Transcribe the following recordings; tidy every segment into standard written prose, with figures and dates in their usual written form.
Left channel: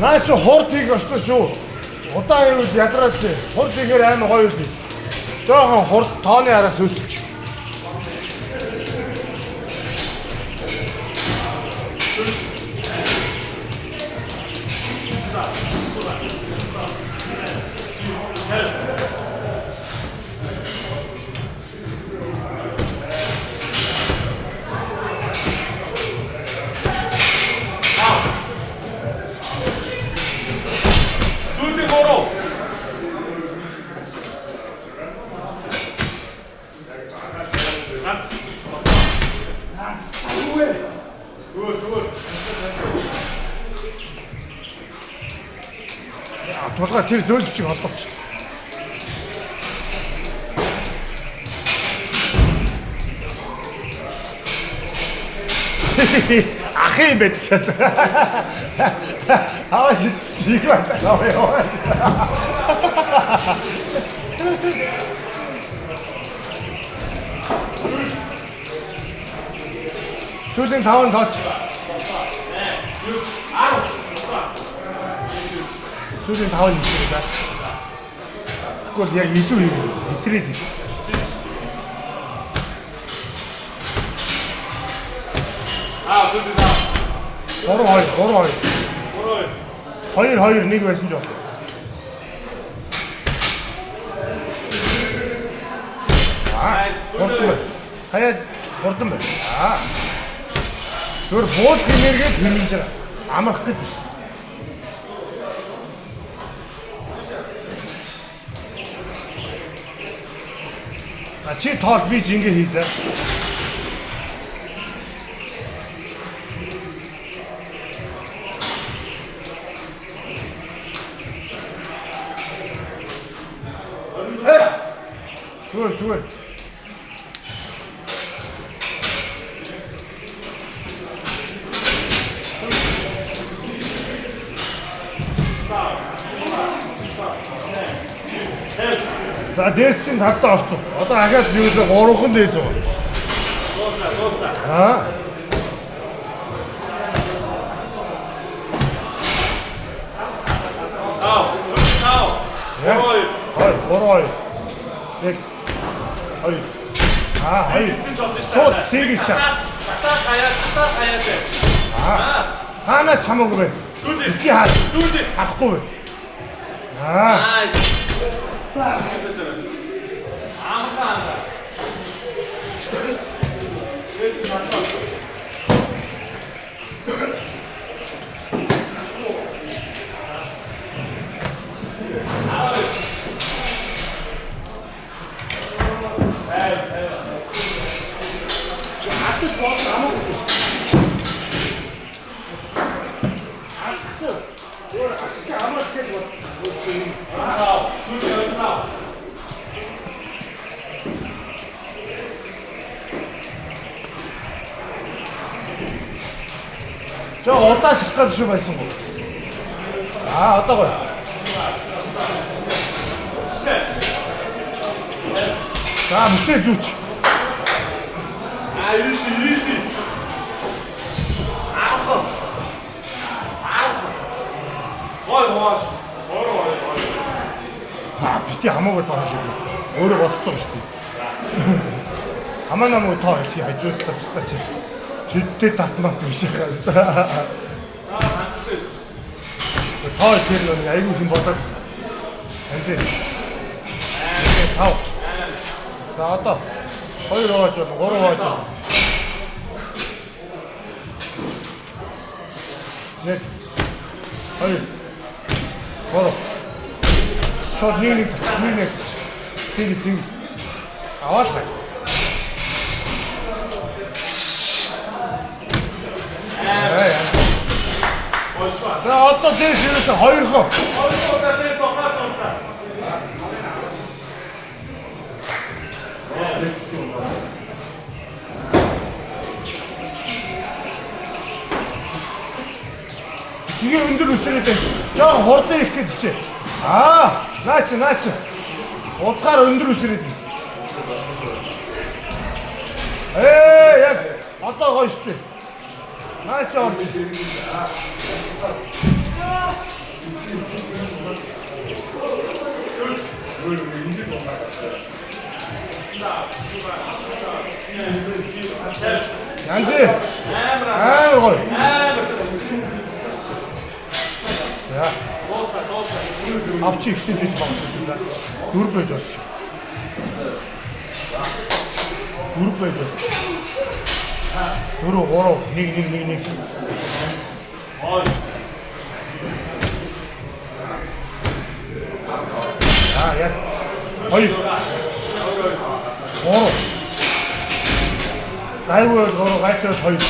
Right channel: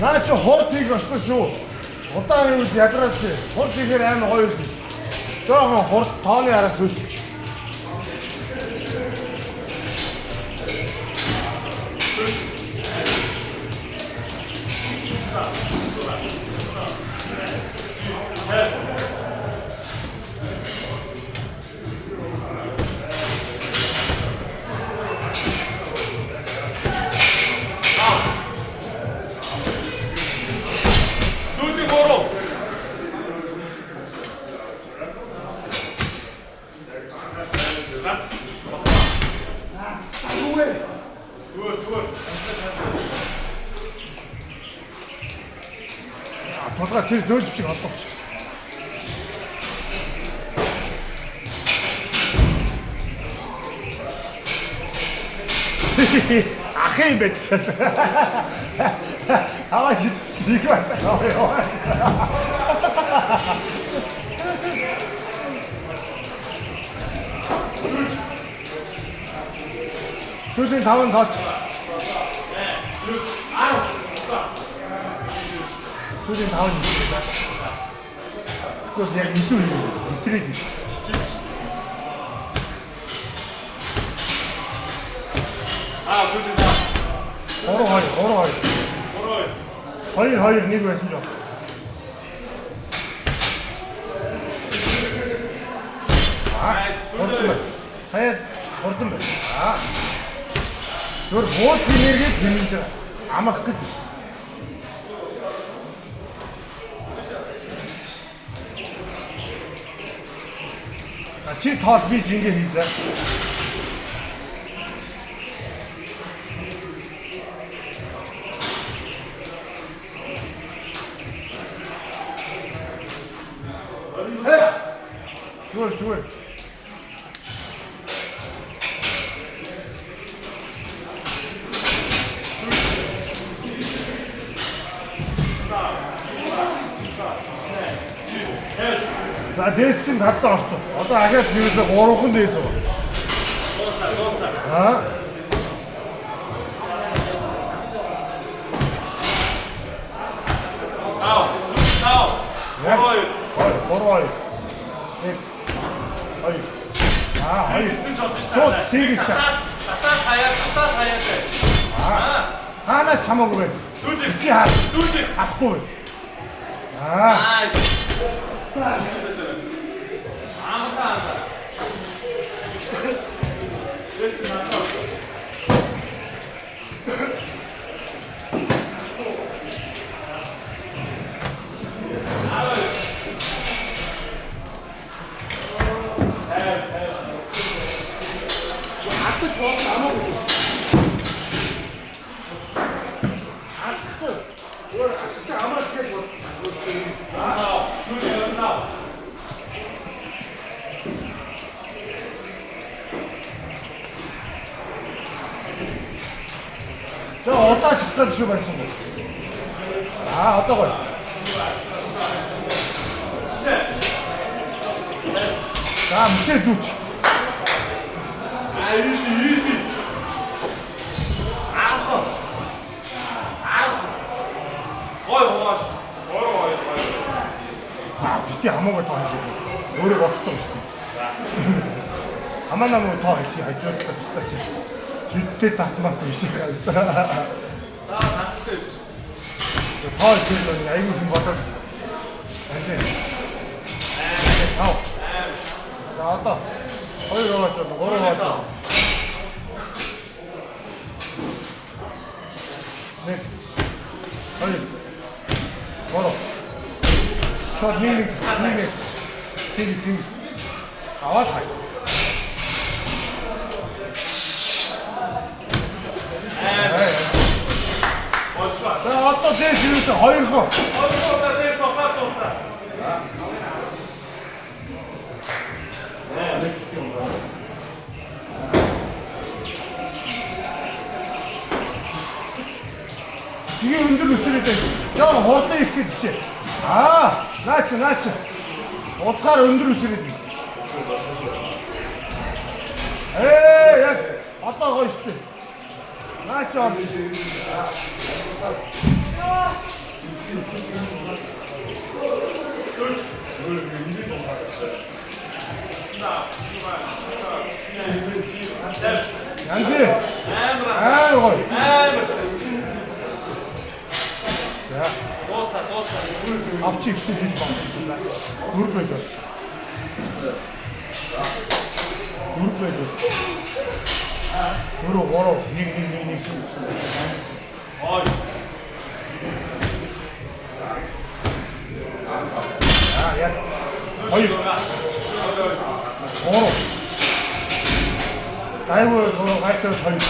Наач хортыг өстө шүү. Удаан юу ядраад тий. Хортигээр амар гоё үү. Жохон хорт тооны араас үлдчих. Толгой тэр зөөлж шиг холбооч. Ахын бэцэт. Хаваа шийдсийг батгаа яваа. Сүүлийн 5 тооч. Сүүлийн 5 нэ. Тэгвэл яг нисүү итрээд хичээж шүү дээ. Сүүлийн 2 1 байсан жоо. Хаяа хурдан байна. Зүгээр бууд энерги хэмнэж байгаа. Амрах гэж. Чи тоол би жингээ хийзээ. Зүгээр. За дээс чинь тавтаа орсон. Одоо ахаад юусаа 3хан дээс үү? Дуусна. Тау. Борой. Ой. Хайр. Сийг шат. Татаа хаяа бэ. Ханаас чамаагүй бэ? Зүудээ. Авахгүй бэ. амаагүй шүү. 저 어디다 식가 주시고 말씀. 아, 어떠고요? 자, 무슨 좋지? 아, 이시. 아우. 아, 밑에 아무것도 안 하지. 오래 없어, 가만 나면 더 이렇게 해줬다, 진짜. 절대 따뜻하고 시작했어. 더 이렇게 야 이거 좀 뭐다. 괜찮지? 자, 왔다. 거기 가봤죠. 거기 가봤죠. 네. 어이. 걸어. 숏 닝닝 싱. 나왔어. 자, 어떤 데를 지었어? 어이구. 이게 흔들어 쓰릴 때, 저 어때 이렇게 듣지? 아, 나치. 어떻게 흔들어 쓰릴 때? 에이, 야, 왔다 가 있을 때. 나치. 양지. 앞치 이렇게 되지 마. 무릎 빼줘. 무릎 빼줘. 무릎. 닉. 아, 야. 어이. 라이브 너 라이트 거의. 자,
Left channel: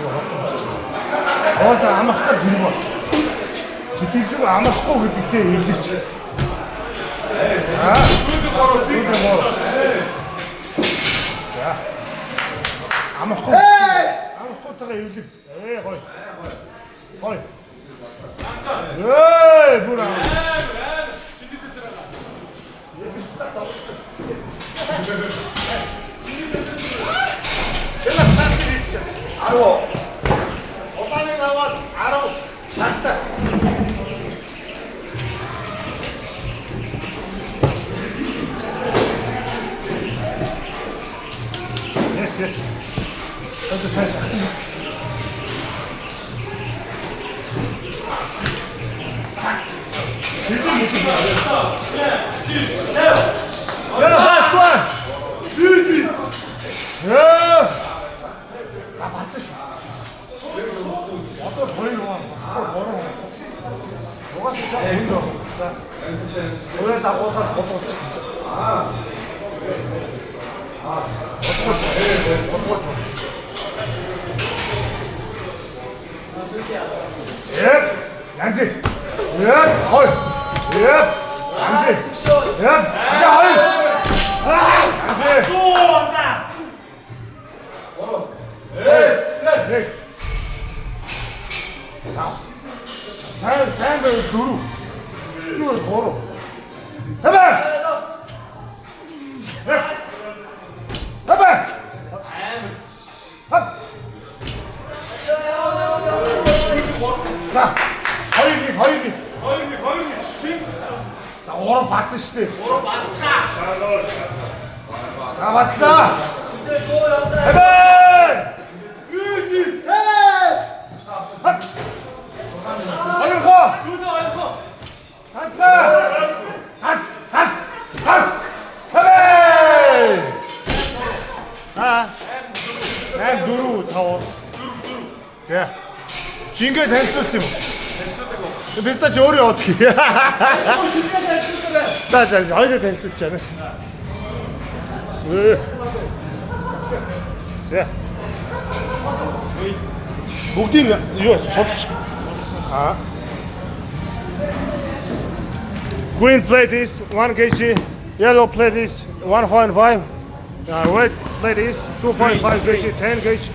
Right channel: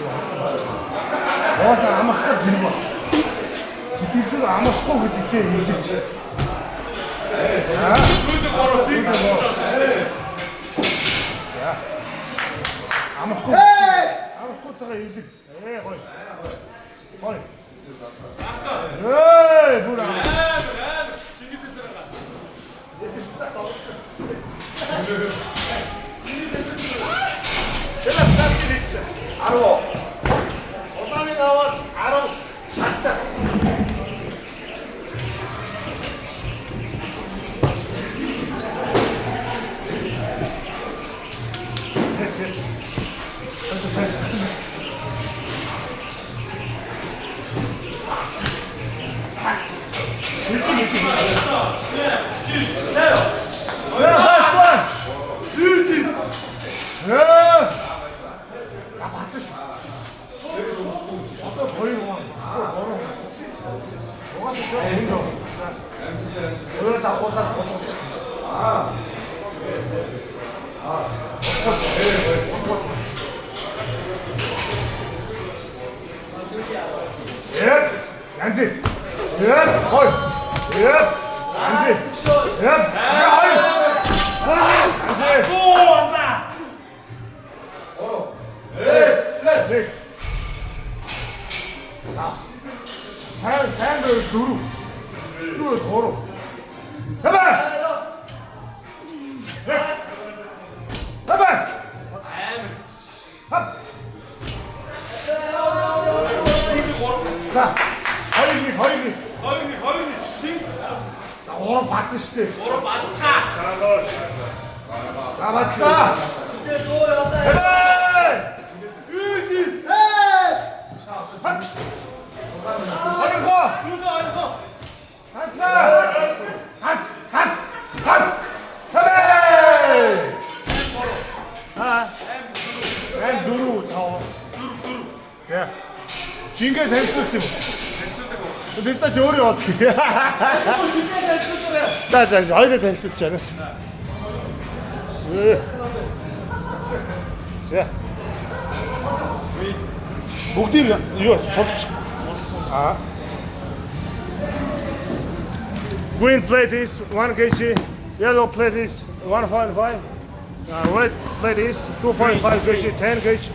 이거 어서 아마 딱 들고. 스티치가 아마 꼭 밑에 일지지. 아, 스티치 걸어 스티치 걸어. 자, 아마 꼭 일지. 거의. 에이, 뭐라. 알어. 어방이 나와 알어. 작다. 됐어. 저도 살짝. Last one. Easy. Yeah. 자, 맞듯이. 어떤 버리고 뭐로 너가 진짜 버린 거. 자, 여기다 못 치고. 예, 양지. 예, 어이. 예, 양지. 예, 야, 어이. 또 온다. 네. 자, 사람들 누루. 수를 걸어. 해봐. 자, 버리기. 자, 오늘 바트 시대. 오로 마트 차. 자, 맞다. 해봐. 유지. 진게 댄스였음. 비슷하 저리 어떻게? 자, 어디 댄스였잖아. За. Бүгдийн юу сулж. Green plate is 1 kg, yellow plate is 1.5, red plate is 2.5 kg, 10 kg,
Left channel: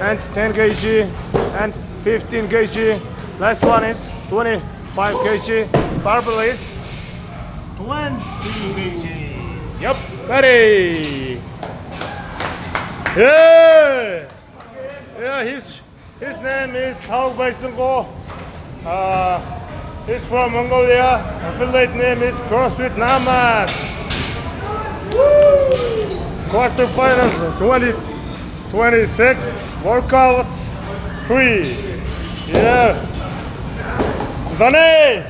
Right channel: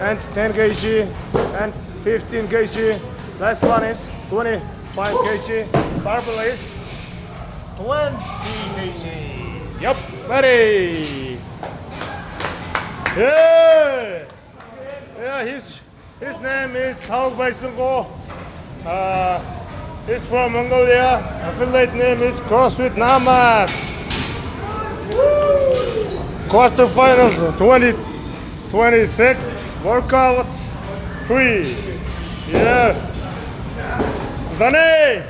and 10 kg, and 15 kg. Last one is 25 kg. Barbell is 20 kg. Yep, ready. Yeah. Yeah, his name is Taug Baisungo. He's from Mongolia. Affiliate name is CrossFit Nomads. Quarterfinals 2026 workout 3. Yeah. Done.